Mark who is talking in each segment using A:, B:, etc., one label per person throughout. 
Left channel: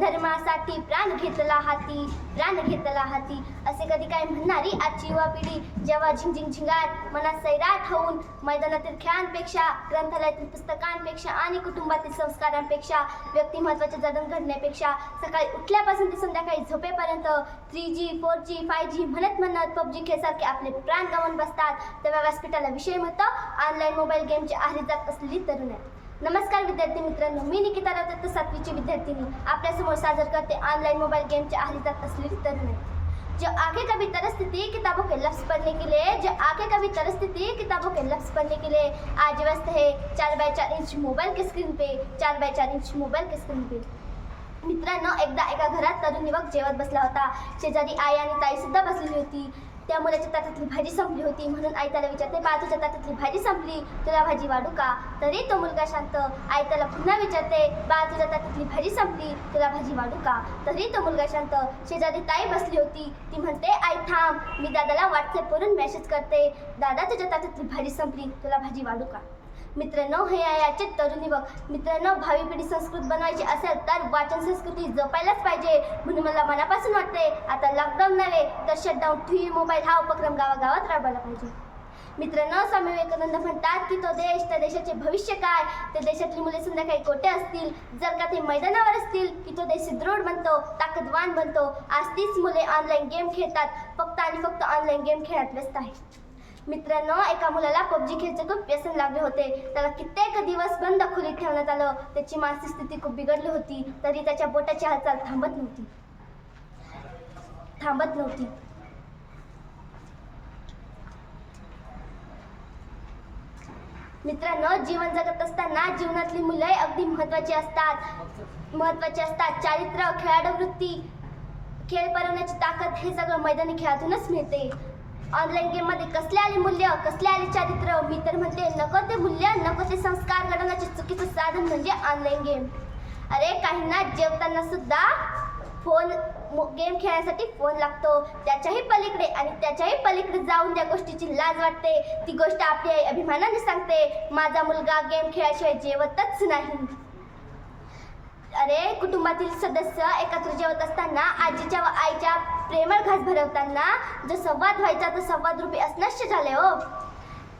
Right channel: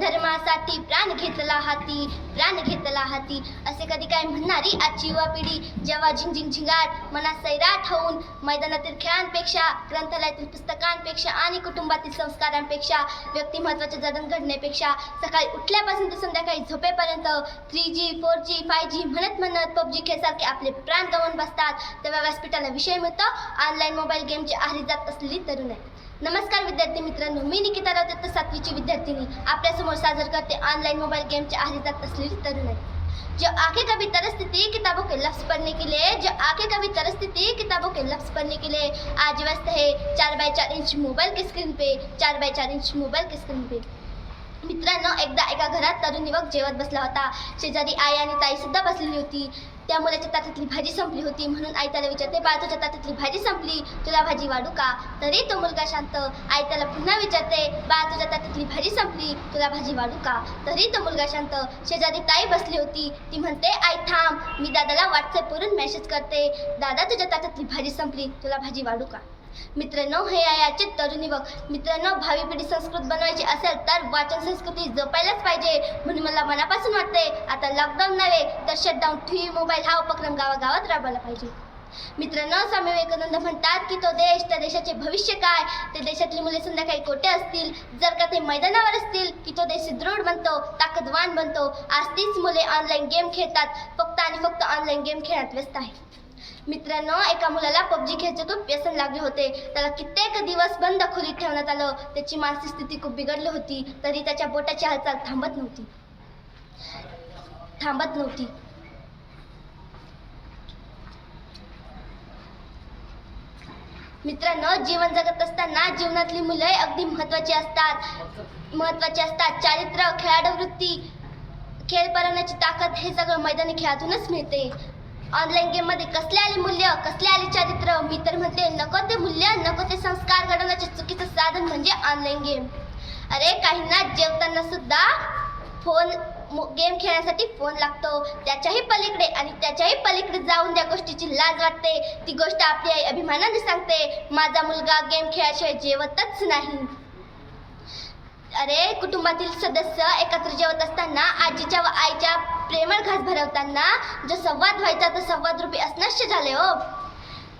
A: धर्मासाठी प्राण घेतला हाती प्राण घेतला हाती. असे कधी काय म्हणणारी आजची युवा पिढी जेव्हा झिंग झिंगाट मनात सैराट होऊन मैदानातील खेळांपेक्षा ग्रंथालयातील पुस्तकांपेक्षा आणि कुटुंबातील संस्कारांपेक्षा व्यक्तिमत्वाचे जडण घडण्यापेक्षा सकाळी उठल्यापासून ते संध्याकाळी झोपेपर्यंत three G four G five G म्हणत म्हणत पबजी खेळसारखे आपले प्राण गमावून बसतात. तेव्हा व्यासपीठाला विषय मिळतो. ऑनलाईन मोबाईल गेमची आहारी जात असलेली तरुण आहे. नमस्कार विद्यार्थी मित्रांनो मी निकिता राजदत्त सातवीची विद्यार्थिनी. आपल्यासमोर सादर करते ऑनलाइन मोबाइल गेम के जात असलेली तरुण जो आंखें कभी तरसती थी किताबों के लफ्ज पढ़ने के लिए. जो आंखें कभी तरसती थी किताबों के लफ्ज पढ़ने के लिए. आज व्यस्त है चार बाय चार इंच मोबाईल की स्क्रीन पे चार बाय चार इंच मोबाईल के स्क्रीन पे. मित्रांनो एकदा एका घरात तरुण युवक जेवत बसला होता. शेजारी आई आणि ताई सुद्धा बसलेली होती. त्या मुलाच्या ताटातली भाजी संपली होती म्हणून आई त्याला विचारते बा तुझ्या ताटातली भाजी संपली? तुला भाजी वाढू का? तरी तो मुलगा शांत. आई त्याला पुन्हा विचारते बा तुझ्या ताटातली भाजी संपली? तुला भाजी वाढू का? तरी तो मुलगा शांत. शेजारी ताई बसली होती. ती म्हणते आई थांब. मी दादाला व्हॉट्सअपवरून मेसेज करते. दादा तुझ्या ताटातली भाजी संपली. तुला भाजी वाढू का? मित्रांनो हे आहे आजचे तरुण युवक मित्रांनो भावी पिढी संस्कृत बनवायची असेल तर वाचन संस्कृती जपायलाच पाहिजे म्हणून मला मनापासून वाटते आता लॉकडाऊन नव्हे तर शटडाऊन टी व्ही मोबाईल हा उपक्रम गावागावात राबवला पाहिजे. मित्रांनो स्वामी विवेकानंद म्हणतात की तो देश त्या देशाचे भविष्य काय? त्या देशातली मुले संध्याकाळी कोठे असतील? जर का ते मैदानावर असतील की तो देश दृढ बनतो ताकदवान बनतो आज तीच मुले ऑनलाईन गेम खेळतात फक्त आणि फक्त ऑनलाईन गेम खेळण्यात व्यस्त आहे मित्रांनो एका मुलाला पबजी खेळचे खूप व्यसन लागले होते. त्याला कित्येक दिवस बंद खोलीत ठेवण्यात आलं. त्याची मानसिक स्थिती खूप बिघडली होती. तरी त्याच्या बोटाची हालचाल थांबत नव्हती. थांबत नव्हती. मित्रांनो जीवन जगत असताना जीवनातली मुले अगदी महत्त्वाची असतात. महत्त्वाची असतात चारित्र्य खेळाडू वृत्ती खेळ ताकद हे सगळं मैदानी खेळातूनच मिळते. ऑनलाईन गेममध्ये कसले आले मूल्य कसले आले चारित्र्य मी तर म्हणते नको ते मूल्य नको ते संस्कार घडवण्याचे चुकीचं साधन म्हणजे ऑनलाईन गेम अरे काहींना जेवताना सुद्धा फोन गेम खेळण्यासाठी फोन लागतो. त्याच्याही पलीकडे आणि त्याच्याही पलीकडे जाऊन त्या गोष्टीची लाज वाटते. ती गोष्ट आपली आई अभिमानाने सांगते. माझा मुलगा गेम खेळाशिवाय जेवतच नाही. अरे कुटुंबातील सदस्य एकत्र जेवत असताना आजीच्या व आईच्या प्रेमळ घास भरवताना जो संवाद व्हायचा तो संवाद रूपी असनश्य झाले हो.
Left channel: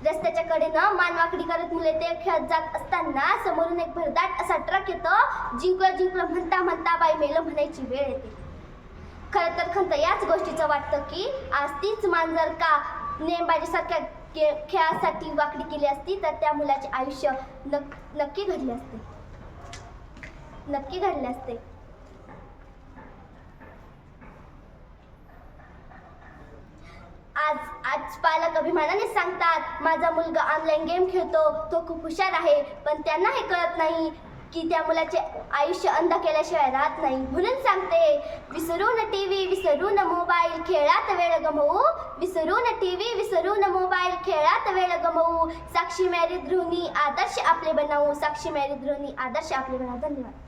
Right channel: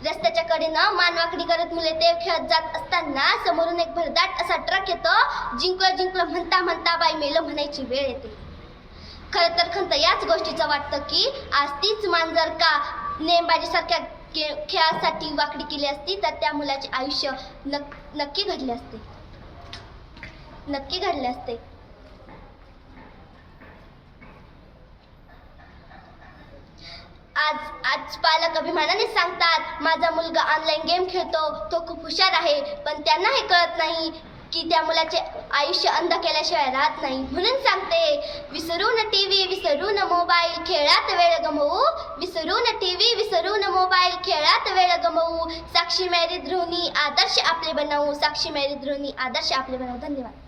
A: रस्त्याच्या कडेनं मानवाकडी करत मुले ते खेळत जात असताना समोरून एक भरदाट असा ट्रक येतो जिंकलं जिंकलं म्हणता म्हणता बाई मेलं म्हणायची वेळ येते. खरं तर खंत याच गोष्टीचं वाटतं की आज तीच मान जर का नेमबाजीसारख्या गे खेळासाठी वाकडी केली असती तर त्या मुलाचे आयुष्य नक नक्की घडले असते. नक्की घडले असते. आज पालक अभिमानाने सांगतात माझा मुलगा ऑनलाईन गेम खेळतो तो खूप हुशार आहे पण त्यांना हे कळत नाही की त्या मुलाचे आयुष्य अंध केल्याशिवाय राहत नाही. म्हणून सांगते विसरू न टी व्ही विसरू न मोबाईल खेळात वेळ गमवू. विसरू न टी व्ही विसरू न मोबाईल खेळात वेळ गमवू. साक्षी मॅरी ध्रोनी आदर्श आपले बनवू साक्षी मॅरी ध्रोनी आदर्श आपले बनवू धन्यवाद.